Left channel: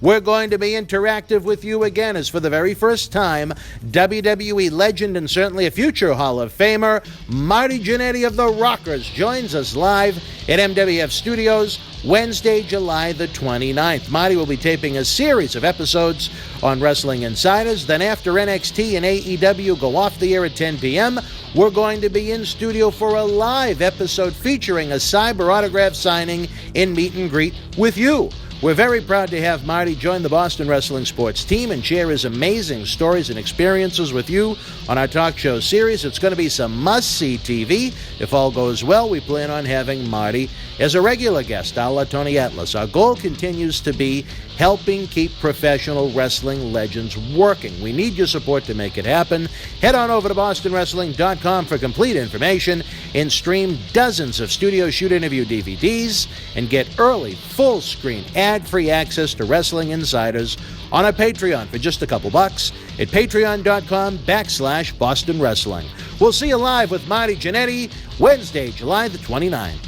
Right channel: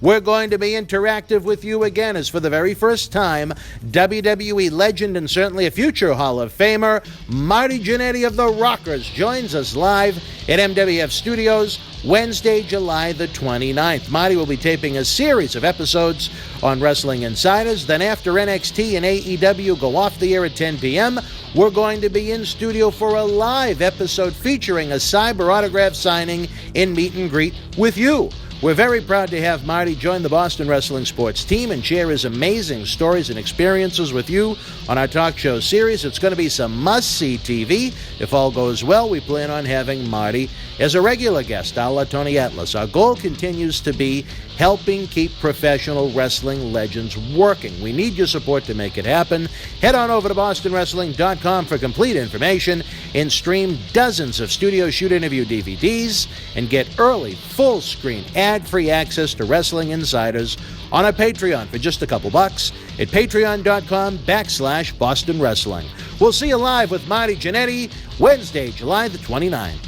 We're going to be interactive with you again, as for the very first time, WWE legend and certainly a future Hall of Famer, Marty Jannetty of the Rockers, joins us live at MWF Studios Wednesday, July the 29th. Marty will be taping a series of episodes on Wrestling Insiders. Then after NXT and AEW go off the air at 10 p.m., we're going to be in studio for a live episode featuring a cyber autograph signing in meet and greet with you. We're very proud to have Marty join the Boston Wrestling Sports team and share his amazing stories and experiences with you on our talk show series. It's going to be some must-see TV. If all goes well, we plan on having Marty as a regular guest, a la Tony Atlas. Our goal continues to be helping keep professional wrestling legends working. We need your support to make it happen. Head on over to bostonwrestling.com for complete information and stream dozens of studio shoot interview DVDs and get early, full-screen, ad-free access to Wrestling Insiders on our Patreon for just a couple bucks at patreon.com/Boston Wrestling. We'll see you live with Marty Jannetty Wednesday, July the 29th.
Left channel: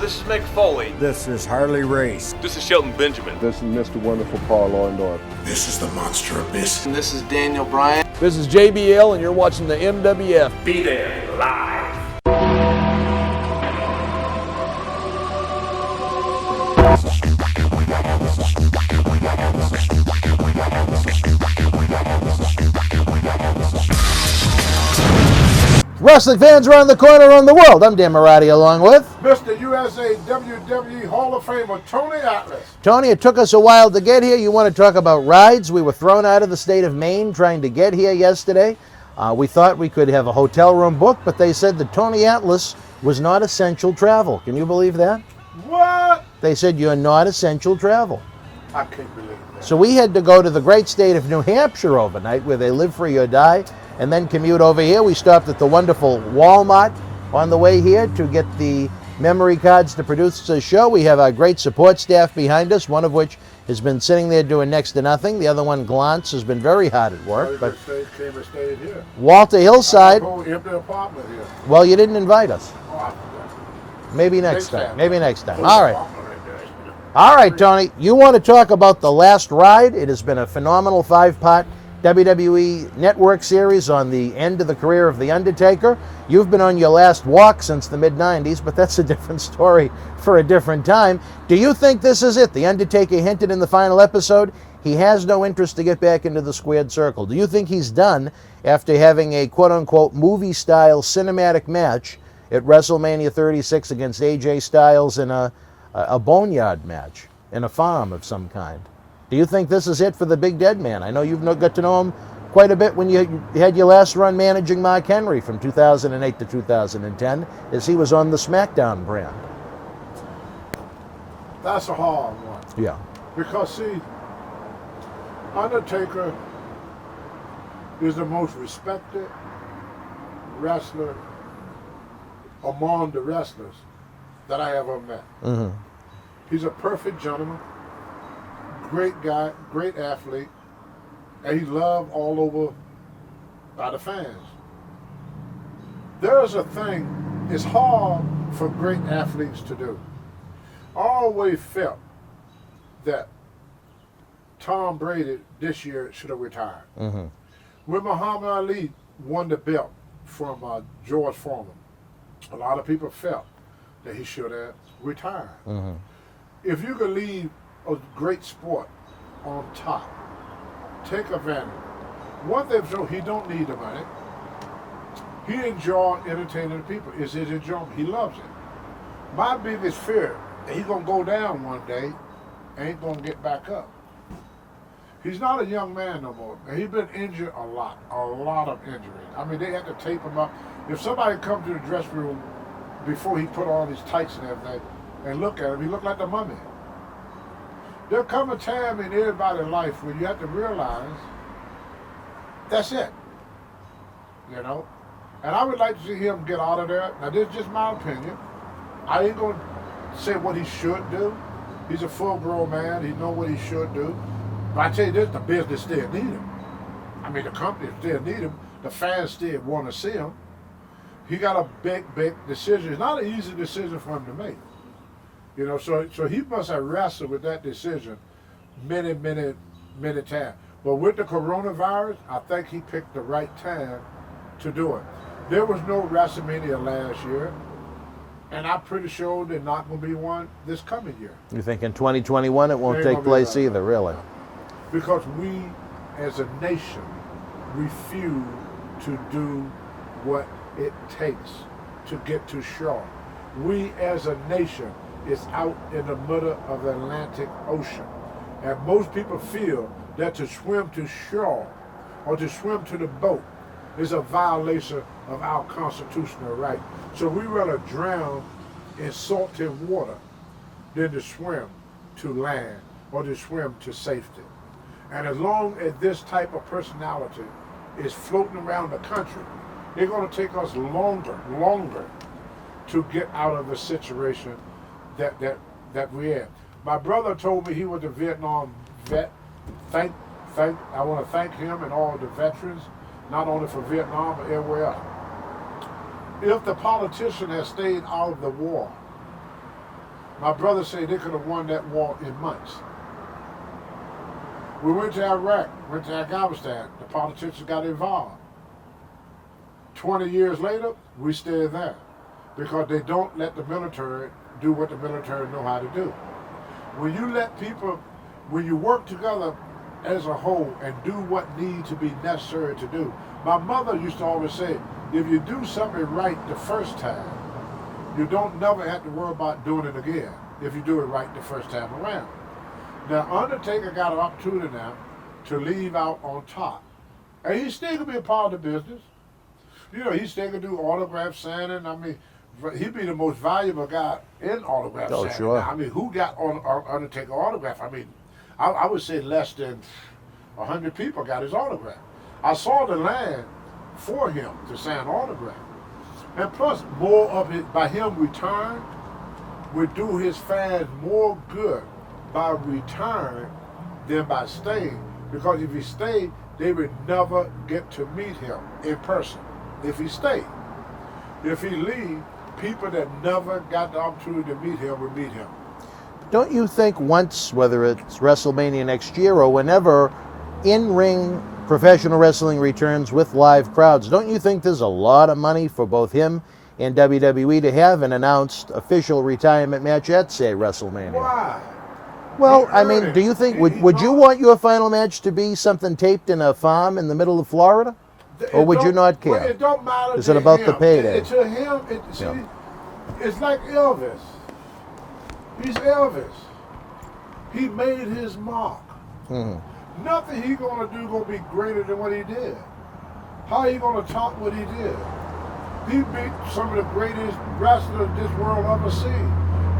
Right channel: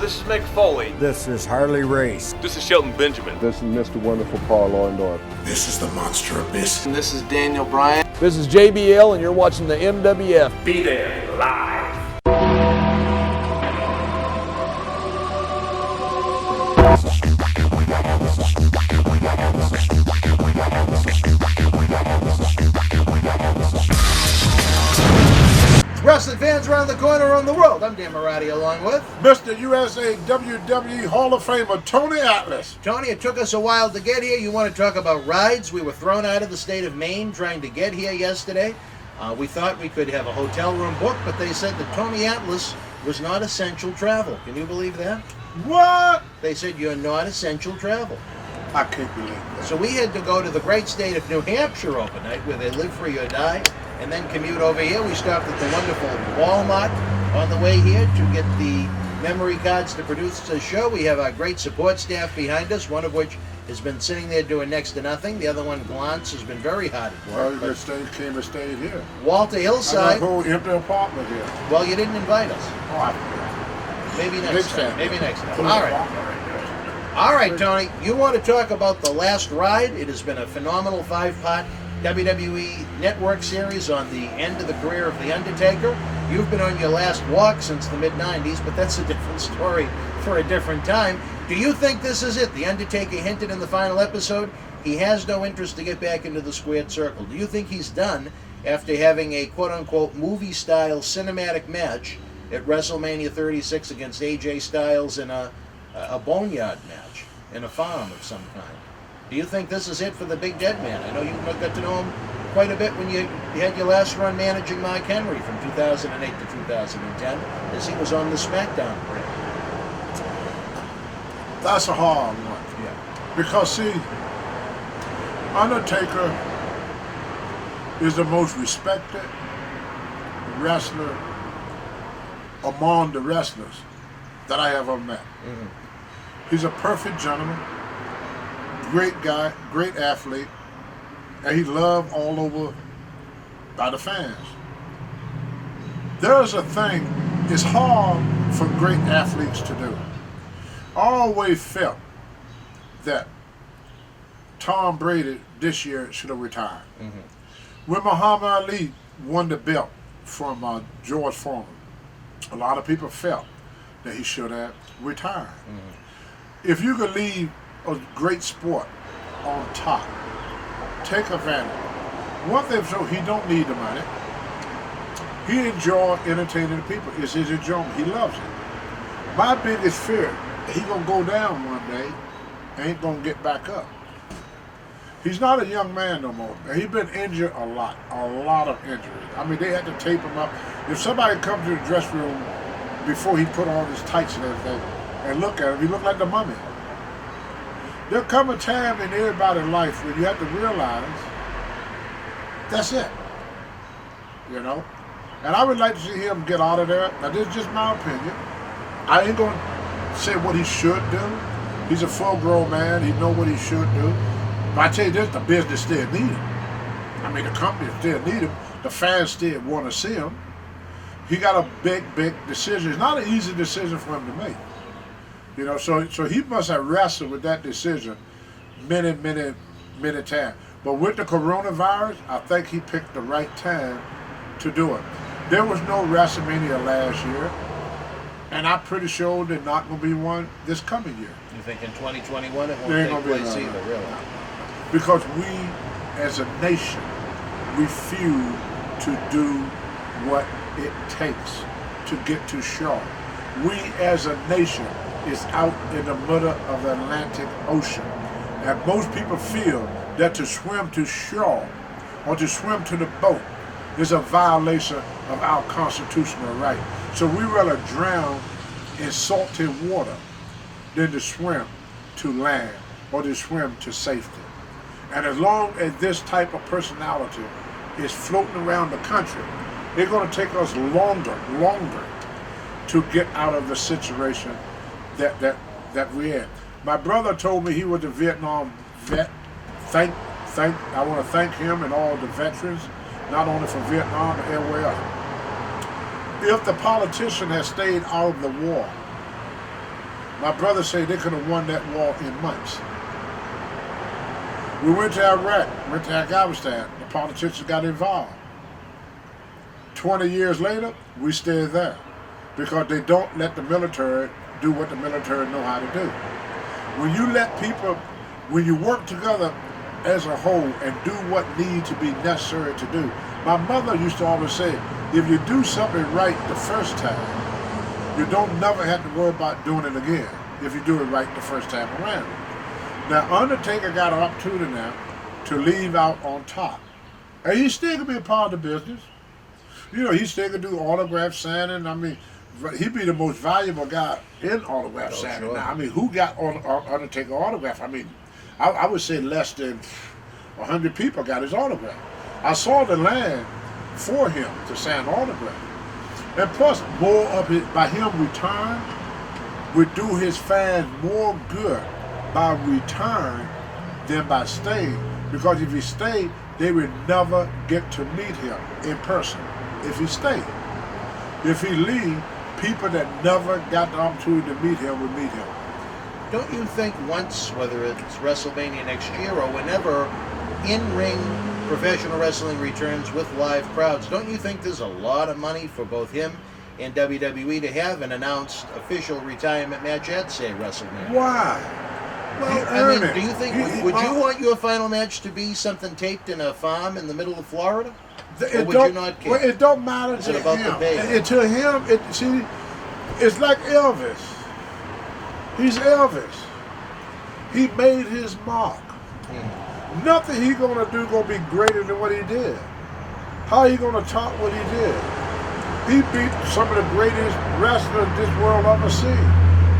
This is Mick Foley. This is Harley Race. This is Shelton Benjamin. This is Mr. Wonderful Paul Orndorff. This is the Monster Abyss. And this is Daniel Bryan. This is JBL, and you're watching the MWF. Be there live. Wrestling fans around the corner, around the world. I'm Dan Marotti, along with Mr. USA WWE Hall of Famer Tony Atlas. Tony. It took us a while to get here. You want to talk about rides? We were thrown out of the state of Maine trying to get here yesterday. We thought we could have a hotel room booked, but they said that Tony Atlas was not essential travel. Can you believe that? What? They said you're not essential travel. I can't believe that. So we had to go to the great state of New Hampshire overnight, where they live free or die, and then commute over here. We stopped at the wonderful Walmart on the way here to get the memory cards to produce the show. We have our great support staff behind us, one of which has been sitting there doing next to nothing. The other one, Glantz, has been very hard at work. But came and stayed here. Walter Hillside. I got a whole empty apartment here. Well, you didn't invite us. Oh, I forgot. Maybe next time. Maybe next time. All right. All right, Tony. You want to talk about The Last Ride? It has been a phenomenal 5-part WWE Network series on the end of the career of The Undertaker. You've been on your last walk since the mid-90s, but that's a different story for a different time. Do you think this is it? The Undertaker hinted in the final episode he has no interest to get back into the squared circle. Do you think he's done after having a quote-unquote movie-style cinematic match at WrestleMania 36 against AJ Styles in a boneyard match in a farm of some kind? Do you think this is it for the Big Dead Man? I know you've got to know him quite a bit when you had your last run managing Mark Henry from 2008 to 2010, as he was on the SmackDown brand. That's a hard one. Yeah. Because, see, Undertaker is the most respected wrestler among the wrestlers that I ever met. Mm-hmm. He's a perfect gentleman, great guy, great athlete, and he's loved all over by the fans. There is a thing, it's hard for great athletes to do. I always felt that Tom Brady this year should have retired. Mm-hmm. When Muhammad Ali won the belt from George Foreman, a lot of people felt that he should have retired. Mm-hmm. If you could leave a great sport on top, take advantage. One thing for sure, he don't need the money. He enjoys entertaining people. It's his enjoyment. He loves it. My biggest fear, he gonna go down one day, ain't gonna get back up. He's not a young man no more. He's been injured a lot of injuries. I mean, they had to tape him up. If somebody comes to the dressing room before he put on his tights and everything, and look at him, he looked like the mummy. There'll come a time in everybody's life where you have to realize that's it, you know? And I would like to see him get out of there. Now, this is just my opinion. I ain't gonna say what he should do. He's a full-grown man. He know what he should do. But I tell you this, the business still need him. I mean, the company still need him. The fans still want to see him. He got a big decision. It's not an easy decision for him to make. You know, so he must have wrestled with that decision many times. But with the coronavirus, I think he picked the right time to do it. There was no WrestleMania last year, and I'm pretty sure there's not going to be one this coming year. You think in 2021 it won't There ain't take gonna be place none. either, really? Because we, as a nation, refuse to do what it takes to get to shore. We, as a nation, is out in the middle of the Atlantic Ocean. And most people feel that to swim to shore or to swim to the boat is a violation of our constitutional right. So we rather drown in salty water than to swim to land or to swim to safety. And as long as this type of personality is floating around the country, it's going to take us longer to get out of the situation that we're in. My brother told me he was a Vietnam vet. I want to thank him and all the veterans, not only for Vietnam but everywhere else. If the politician had stayed out of the war, my brother said they could have won that war in months. We went to Iraq, went to Afghanistan, the politicians got involved. 20 years later, we stayed there because they don't let the military do what the military know how to do. When you let people, when you work together as a whole and do what needs to be necessary to do. My mother used to always say, if you do something right the first time, you don't never have to worry about doing it again if you do it right the first time around. Now, Undertaker got an opportunity now to leave out on top. And he still can be a part of the business. You know, he still can do autograph signing. I mean, he'd be the most valuable guy in autograph signing. Sure. Now, I mean, who got Undertaker autograph? I mean, I would say less than 100 people got his autograph. I saw the line for him to sign autograph. And plus, more of it, by him retiring, would do his fans more good by retiring than by staying. Because if he stayed, they would never get to meet him in person. If he stayed. If he leave, people that never got the opportunity to meet him would meet him. Don't you think once, whether it's WrestleMania next year or whenever in-ring professional wrestling returns with live crowds, don't you think there's a lot of money for both him and WWE to have an announced official retirement match at, say, WrestleMania? Why? Well, He I earned mean, it. do you think, He would you earned- want your final match to be something taped in a farm in the middle of Florida? Or would you not care? Well, it don't matter. Is to it about him. the payday? To him, it's like Elvis. He's Elvis. He made his mark. Mm-hmm. Nothing he gonna do gonna be greater than what he did. How he gonna top what he did? He beat some of the greatest wrestlers this world ever seen.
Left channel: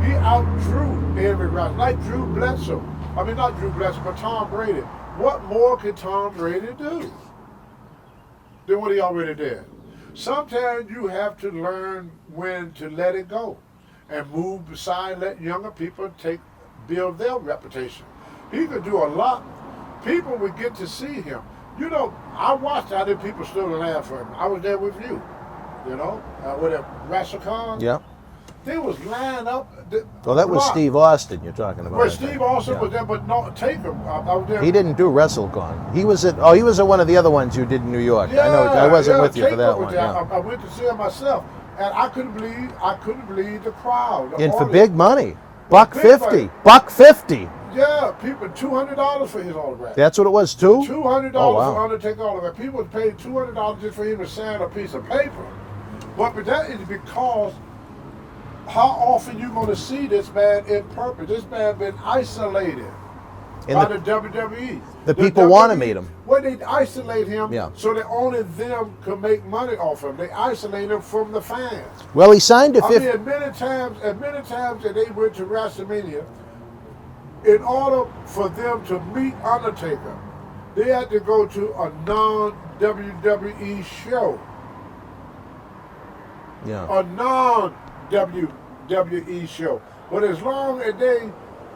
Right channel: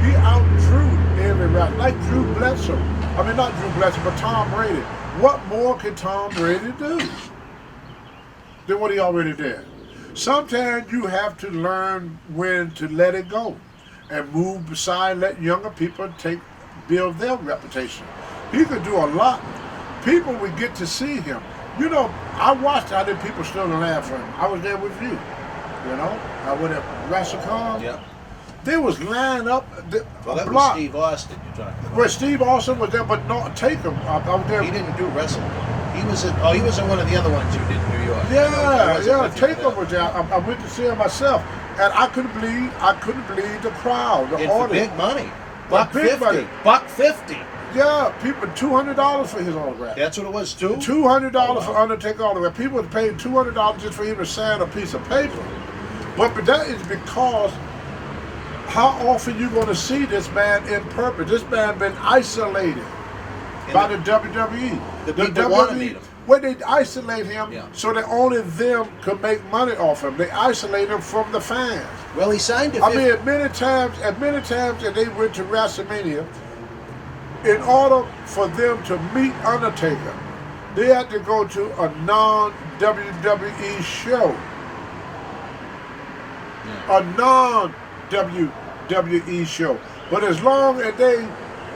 He outdrew every wrestler, like Drew Bledsoe. I mean, not Drew Bledsoe, but Tom Brady. What more could Tom Brady do than what he already did? Sometimes you have to learn when to let it go and move beside, let younger people build their reputation. He could do a lot. People would get to see him. You know, I watched how the people stood and laughed for him. I was there with you. You know, with a WrestleCon. Yeah. They was lined up. Well, that was Steve Austin you're talking about. Well, Steve Austin was there, but not Taker. I was there. He didn't do WrestleCon. He was at one of the other ones you did in New York. Yeah, I wasn't with you Taker for that was one. there. Yeah. I went to see him myself, and I couldn't believe the crowd. And for big money. Buck Big $50. money. $150. Yeah, people $200 for his autograph. That's what it was too? $200 Oh, wow. for Undertaker autograph. People were paying $200 just for him to sign a piece of paper. But that is because how often you going to see this man in purpose? This man been isolated by the WWE. The people want to meet him. Well, they isolate him Yeah. so that only them can make money off him. They isolate him from the fans. Well, he signed a I mean, 50. as many times that they went to WrestleMania, in order for them to meet Undertaker, they had to go to a non-WWE show. Yeah. A non-WWE show. But as long as they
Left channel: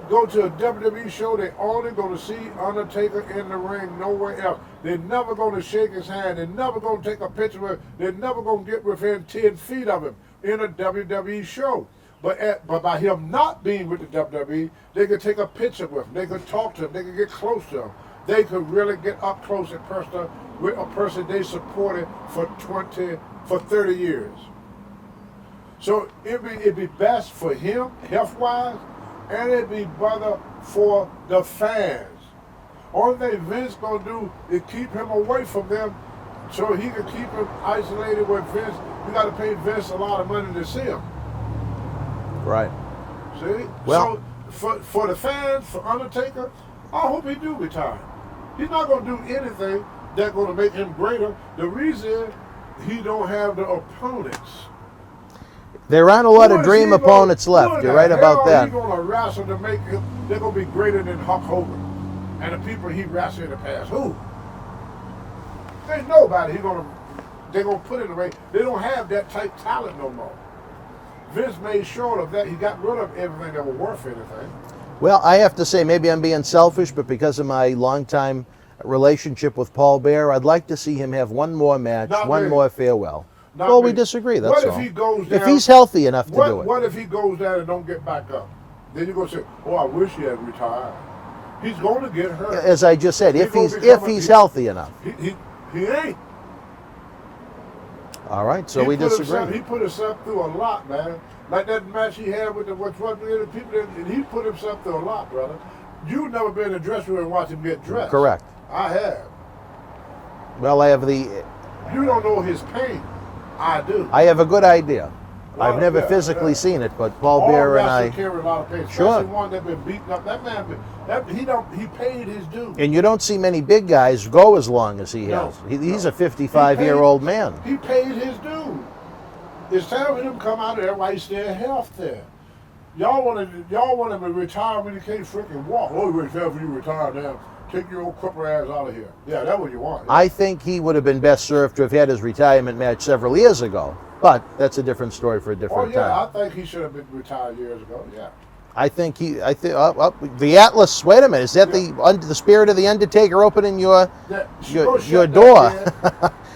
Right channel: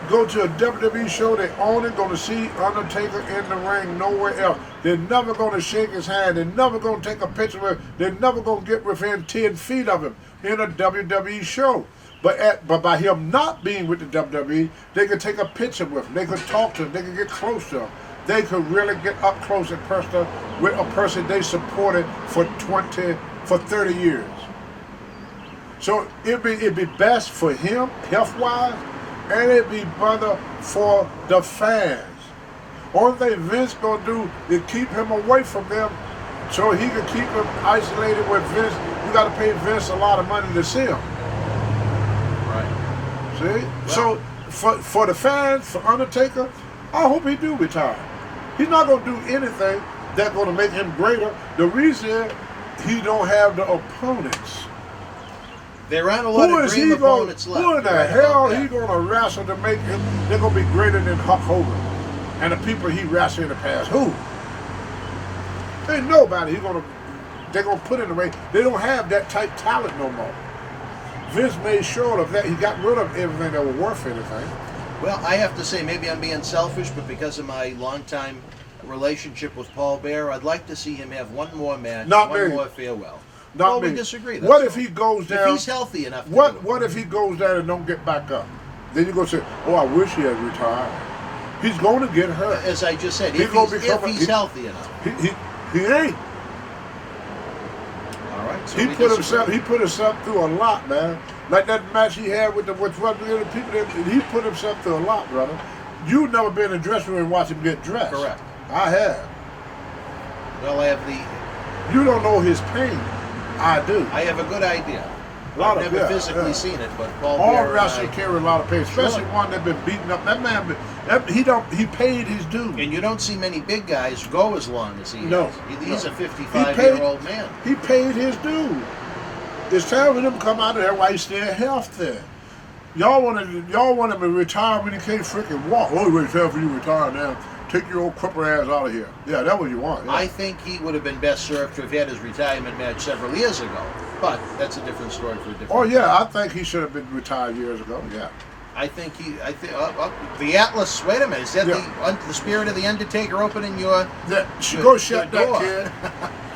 go to a WWE show, they only going to see Undertaker in the ring, nowhere else. They're never going to shake his hand. They're never going to take a picture of him. They're never going to get within 10 feet of him in a WWE show. But by him not being with the WWE, they could take a picture with him. They could talk to him. They could get close to him. They could really get up close and personal with a person they supported for 30 years. So it'd be best for him, health-wise, and it'd be better for the fans. Only thing Vince gonna do is keep him away from them so he can keep him isolated with Vince. You gotta pay Vince a lot of money to see him. Right. See? Well, so for the fans, for Undertaker, I hope he do retire. He's not gonna do anything that's gonna make him greater. The reason is he don't have the opponents. There aren't a lot of dream opponents left. You're right about that. He's gonna wrestle to make him. They're gonna be greater than Hulk Hogan and the people he wrestled in the past. Who? Ain't nobody. They're gonna put in the ring. They don't have that type talent no more. Vince made sure of that. He got rid of everything that was worth anything. Well, I have to say, maybe I'm being selfish, but because of my longtime relationship with Paul Bear, I'd like to see him have one more match, one more farewell. Well, we disagree. That's what all. If he goes down? If he's healthy enough to do it. What if he goes down and don't get back up? Then you're gonna say, "Oh, I wish he had retired." He's going to get hurt. As I just said, if he's healthy enough. He ain't. All right, so we disagree. He put himself through a lot, man. Like that match he had with the people. He put himself through a lot, brother. You've never been in a dressing room and watched him get dressed. Correct. I have. Well, I have the. You don't know his pain. I do. I have a good idea. I've never physically seen it, but Paul Bear and I. All wrestlers carry a lot of pain, especially one that's been beaten up. That man, he paid his due. And you don't see many big guys go as long as he has. He's a 55-year-old man. He paid his due. It's time for him to come out of there while he's still healthy. Y'all want him to retire when he can't freaking walk. Oh, it's time for you to retire now. Take your old cripple ass out of here. Yeah, that's what you want. Yeah. I think he would have been best served to have had his retirement match several years ago. But that's a different story for a different time. I think he should have been retired years ago. Yeah. I think the Atlas. Wait a minute, is that the spirit of the Undertaker opening your door?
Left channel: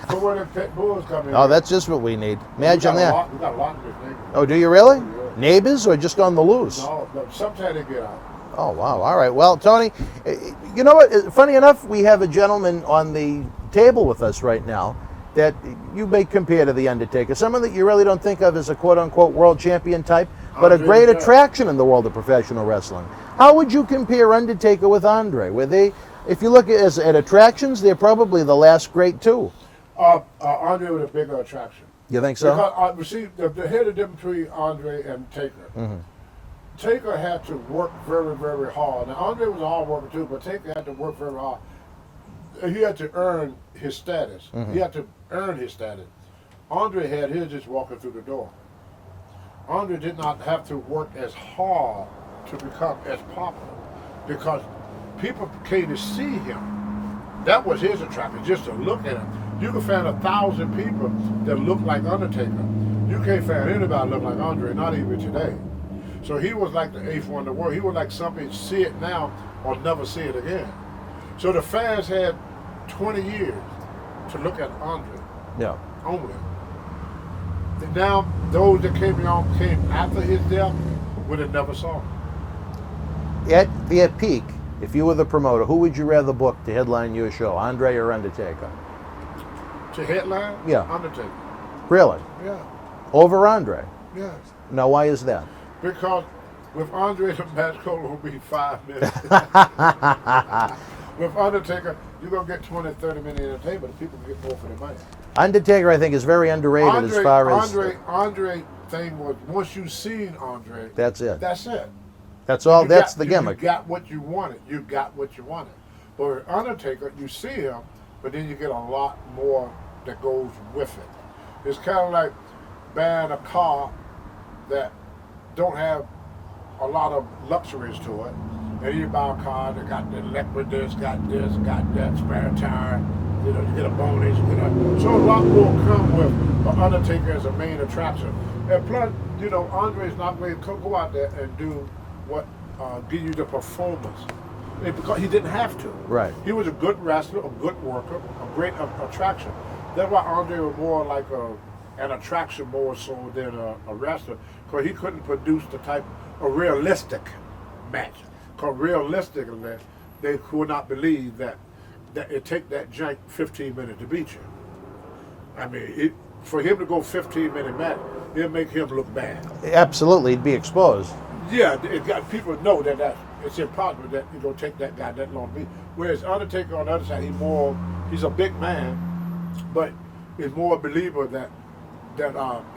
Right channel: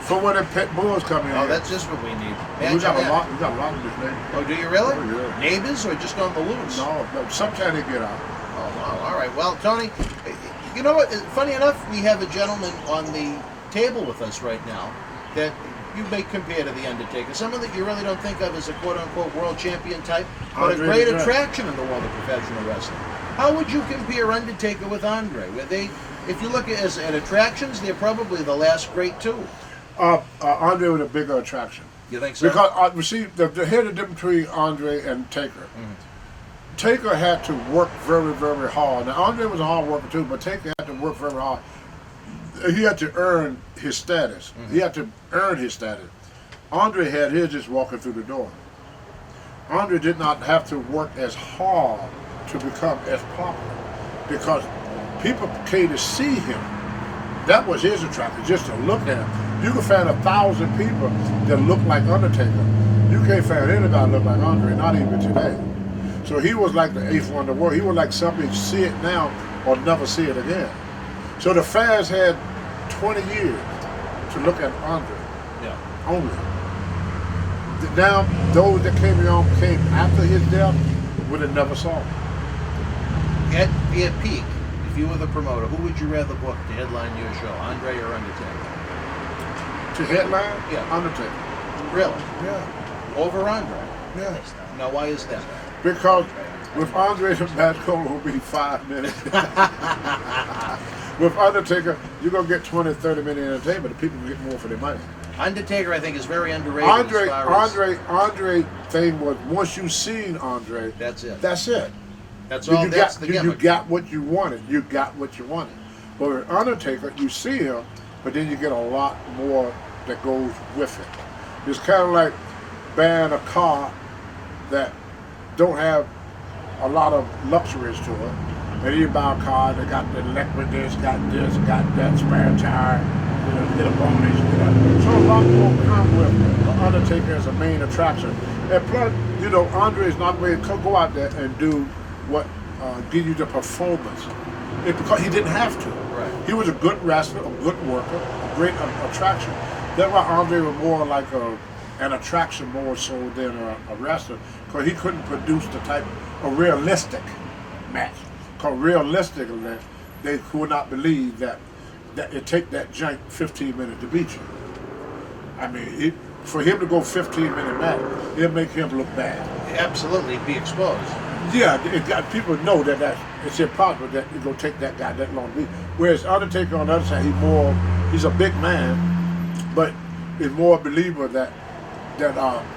For when the pit bulls come in. Oh, that's just what we need. Imagine that. We got a lot of this neighbors. Oh, do you really? Oh, yeah. Neighbors or just on the loose? No, sometimes they get out. Oh, wow. All right. Well, Tony, you know what? Funny enough, we have a gentleman on the table with us right now that you may compare to the Undertaker. Someone that you really don't think of as a quote-unquote world champion type, but a great attraction in the world of professional wrestling. How would you compare Undertaker with Andre? Were they, if you look at attractions, they're probably the last great two. Andre was a bigger attraction. You think so? Because, here's the difference between Andre and Taker. Mm-hmm. Taker had to work very, very hard. Now, Andre was a hard worker too, but Taker had to work very hard. He had to earn his status. Mm-hmm. He had to earn his status. Andre had his just walking through the door. Andre did not have to work as hard to become as popular because people came to see him. That was his attraction, just to look at him. You can find 1,000 people that look like Undertaker. You can't find anybody that look like Andre, not even today. So he was like the eighth wonder of the world. He was like something, see it now or never see it again. So the fans had 20 years to look at Andre. Yeah. Only. Now, those that came after his death would have never saw him. At peak, if you were the promoter, who would you rather book to headline your show, Andre or Undertaker? To headline? Yeah. Undertaker. Really? Yeah. Over Andre? Yeah. Now, why is that? Because with Andre, the match will be 5 minutes. With Undertaker, you're going to get 20, 30 minute entertainment. The people get more for their money. Undertaker, I think, is very underrated as far as... Andre thing was, once you've seen Andre... That's it. That's it. That's all, that's the gimmick. You got what you wanted. You got what you wanted. But with Undertaker, you see him, but then you get a lot more that goes with it. It's kind of like buying a car that don't have a lot of luxuries to it. And you buy a car that got the electric this, got that, spare tire, get a bonus, So a lot more come with the Undertaker as a main attraction. And plus, Andre's not going to go out there and do what give you the performance. Because he didn't have to. Right. He was a good wrestler, a good worker, a great attraction. That's why Andre was more like an attraction more so than a wrestler, because he couldn't produce the type of realistic match. Because realistic match, they could not believe that it take that jank 15 minutes to beat you. I mean, for him to go 15-minute match, it'll make him look bad. Absolutely, be exposed. Yeah, people know that it's impossible that it's gonna take that guy that long to beat. Whereas Undertaker on the other side, he's a big man, but is more a believer that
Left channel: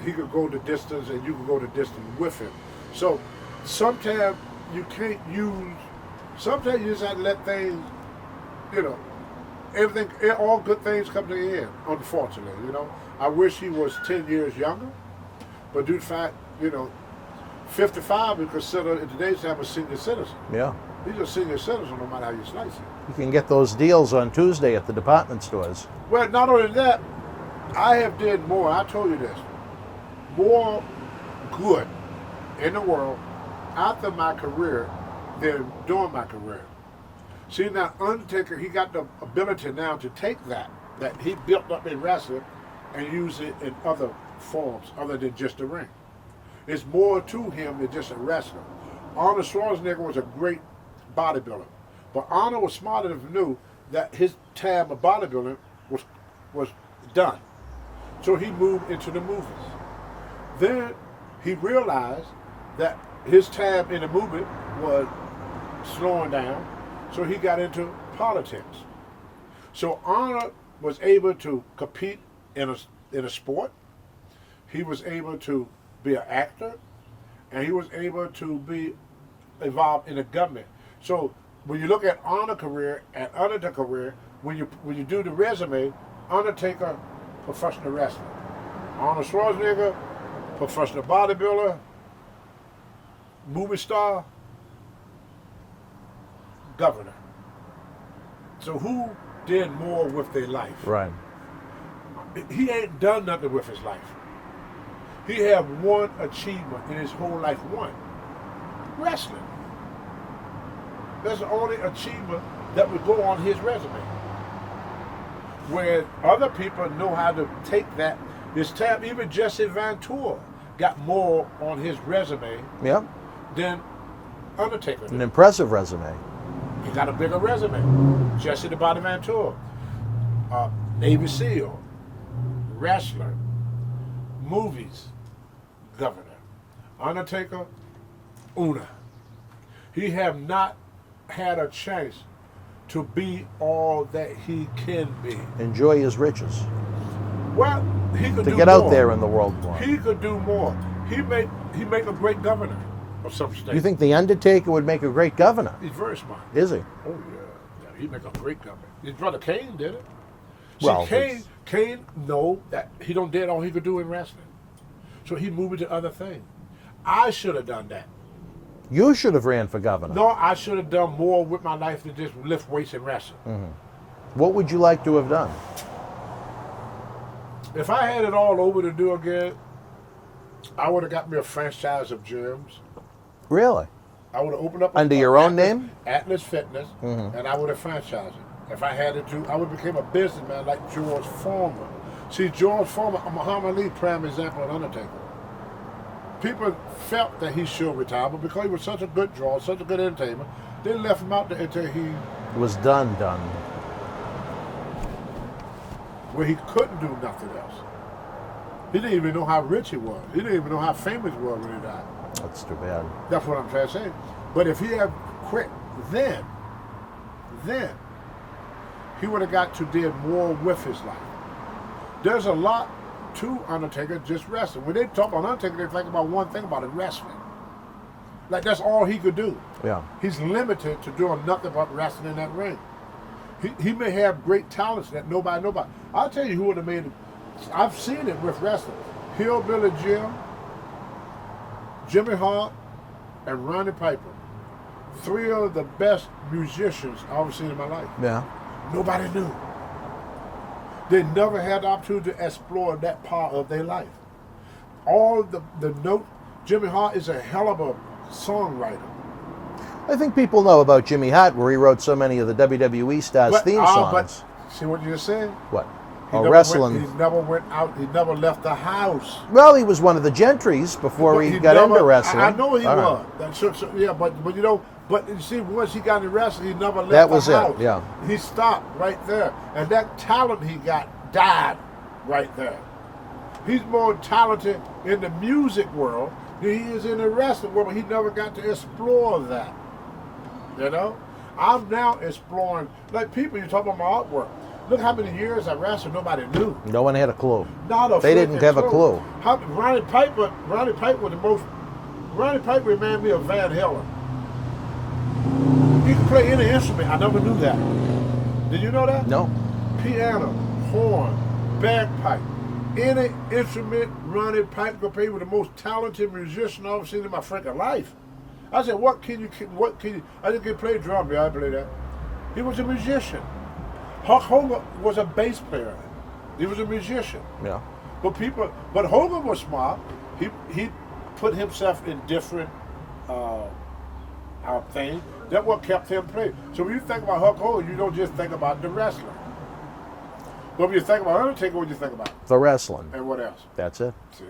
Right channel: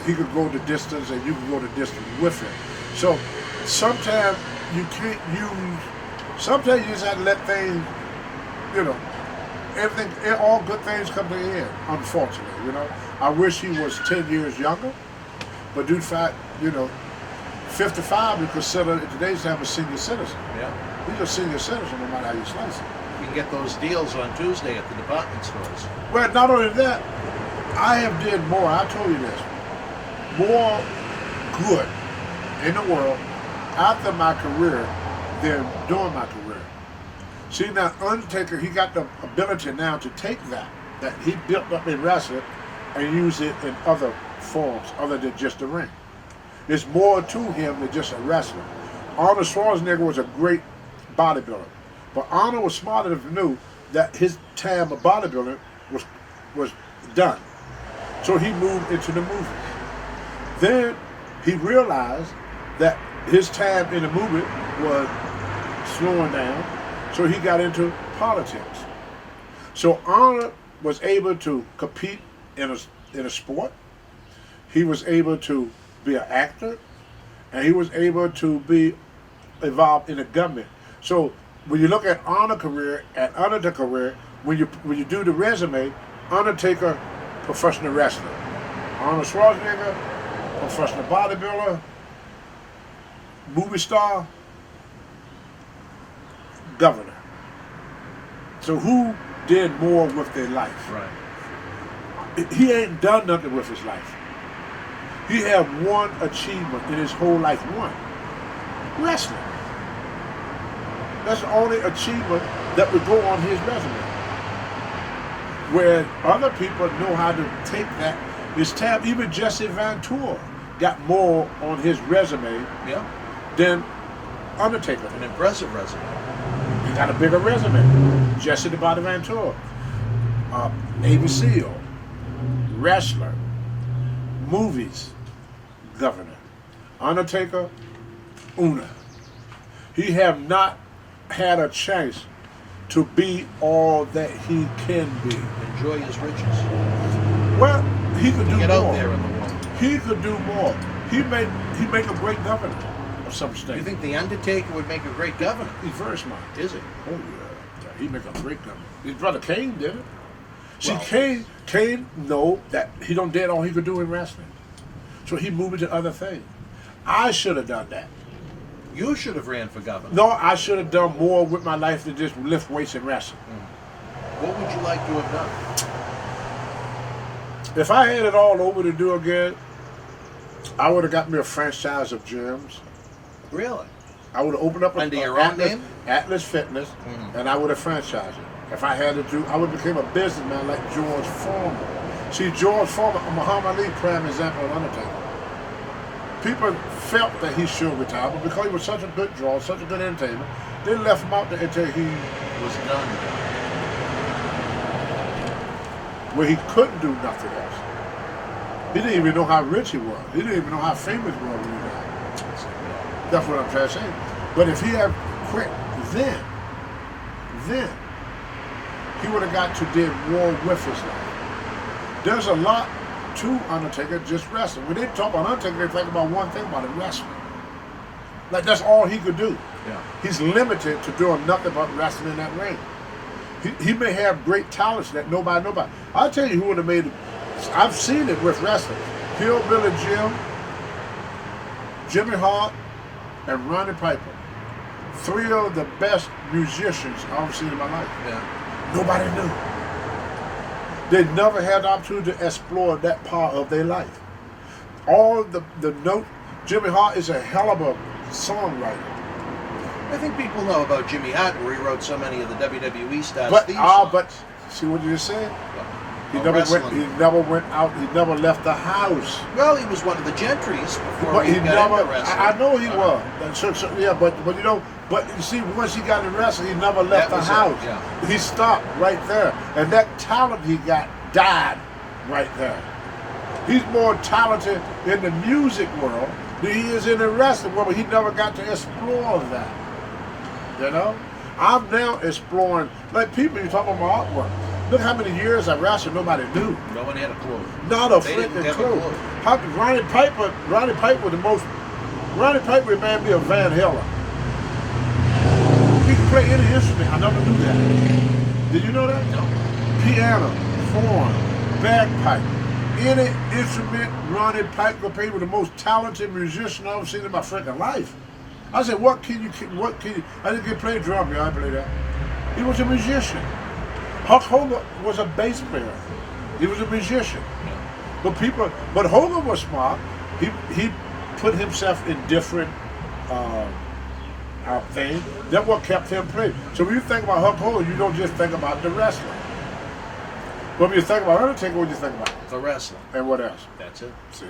he could go the distance and you can go the distance with him. So sometimes you can't sometimes you just have to let things, all good things come to an end, unfortunately, I wish he was 10 years younger, but due to the fact, 55 we consider in today's time a senior citizen. Yeah. He's a senior citizen no matter how you slice it. You can get those deals on Tuesday at the department stores. Well, not only that, I have did more, I told you this, more good in the world after my career than during my career. See, now Undertaker, he got the ability now to take that he built up in wrestling and use it in other forms other than just the ring. There's more to him than just a wrestler. Arnold Schwarzenegger was a great bodybuilder, but Arnold was smart enough to know that his time of bodybuilding was done. So he moved into the movies. Then he realized that his time in the movement was slowing down, so he got into politics. So Arnold was able to compete in a sport. He was able to be an actor, and he was able to be involved in the government. So when you look at Arnold's career and Undertaker's career, when you do the resume, Undertaker, professional wrestler. Arnold Schwarzenegger, professional bodybuilder, movie star, governor. So who did more with their life? Right. He ain't done nothing with his life. He had one achievement in his whole life, one. Wrestling. That's the only achievement that would go on his resume. Where other people know how to take that. His time, even Jesse Ventura got more on his resume than Undertaker. An impressive resume. He got a bigger resume. Jesse the Body Ventura, Navy SEAL, wrestler, movies, governor. Undertaker, Una. He have not had a chance to be all that he can be. Enjoy his riches. Well, he could do more. Get out there in the world more. He could do more. He make a great governor of some state. You think the Undertaker would make a great governor? He's very smart. Is he? Oh yeah, he'd make a great governor. His brother Kane did it. Well, See, Kane know that he don't did all he could do in wrestling, so he moved into other things. I should have done that. You should have ran for governor. No, I should have done more with my life than just lift weights and wrestle. Mm-hmm. What would you like to have done? If I had it all over to do again, I would have got me a franchise of gyms. Really? I would have opened up under your own name, Atlas Fitness, and I would have franchised it. If I had to do, I would have become a businessman like George Foreman. See, George Foreman, Muhammad Ali, prime example of Undertaker. People felt that he should retire, but because he was such a good draw, such a good entertainer, they left him out there until he was done. Where he couldn't do nothing else. He didn't even know how rich he was. He didn't even know how famous he was when he died. That's what I'm trying to say. But if he had quit then he would have got to did more with his life. There's a lot to Undertaker just wrestling. When they talk about Undertaker, they think about one thing about him, wrestling. Like that's all he could do. Yeah. He's limited to doing nothing but wrestling in that ring. He may have great talents that nobody. I'll tell you who would have made it. I've seen it with wrestling. Hillbilly Jim, Jimmy Hart, and Ronnie Piper. Three of the best musicians I've ever seen in my life. Yeah. Nobody knew. They never had the opportunity to explore that part of their life. All the note, Jimmy Hart is a hell of a songwriter. I think people know about Jimmy Hart, where he wrote so many of the WWE stars' theme songs. But see what you said? What? He Oh, never wrestling. He never went out. He never left the house. Well, he was one of the gentries before But he got never, into wrestling. I know he All was. right. And so, yeah, but you know, but you see, once he got into wrestling, he never left That the was it, house. yeah. He stopped right there, and that talent he got died right there. He's more talented in the music world than he is in the wrestling world, but he never got to explore that. You know, I'm now exploring, like people, you talk about my artwork. Look how many years I wrestled, nobody knew. No one had a clue. Not a They didn't freaking have a clue. How Ronnie Piper was the most. Ronnie Piper reminded me of Van Halen. He could play any instrument. I never knew that. Did you know that? No. Piano, horn, bagpipe, any instrument. Ronnie Piper played with the most talented musician I've ever seen in my freaking life. I said, what can you? I didn't play drums. I play that. He was a musician. Hulk Hogan was a bass player. He was a musician. Yeah. But Hogan was smart. He put himself in different things. That's what kept him playing. So when you think about Hulk Hogan, you don't just think about the wrestling. When you think about Undertaker, what do you think about? The wrestling. And what else? That's it. See?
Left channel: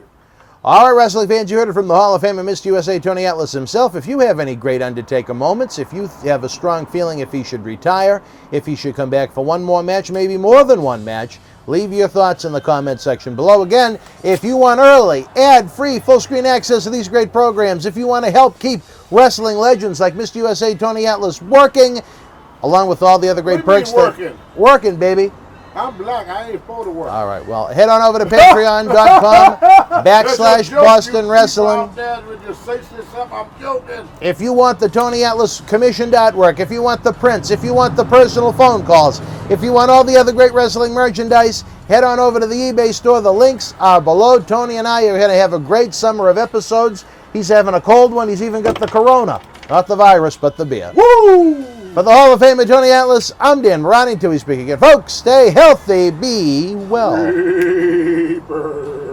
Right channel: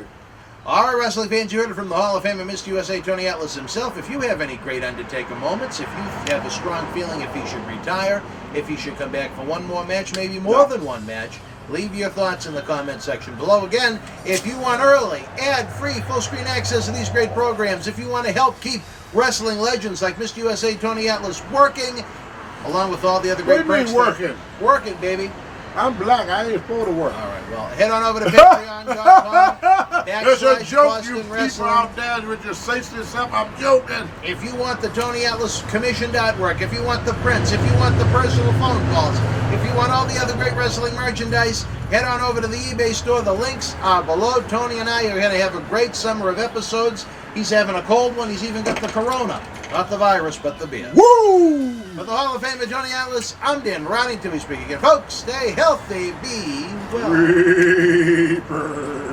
All right, wrestling fans, you heard it from the Hall of Famer, Mr. USA, Tony Atlas himself. If you have any great Undertaker moments, if you have a strong feeling if he should retire, if he should come back for one more match, maybe more than one match, leave your thoughts in the comment section below. Again, if you want early, ad-free, full-screen access to these great programs, if you want to help keep wrestling legends like Mr. USA, Tony Atlas working, along with all the other great What do you mean perks. working? Working, baby. I'm black. I ain't supposed to work. All right, well, head on over to patreon.com That's a / joke, Boston you people Wrestling. out there with your senseless stuff, I'm joking. If you want the Tony Atlas commissioned artwork, if you want the prints, if you want the personal phone calls, if you want all the other great wrestling merchandise, head on over to the eBay store. The links are below. Tony and I are going to have a great summer of episodes. He's having a cold one. He's even got the corona. Not the virus, but the beer. Woo! For the Hall of Famer Tony Atlas, I'm Dan Ronnie. Till we speak again. Folks, stay healthy. Be well. Reaper.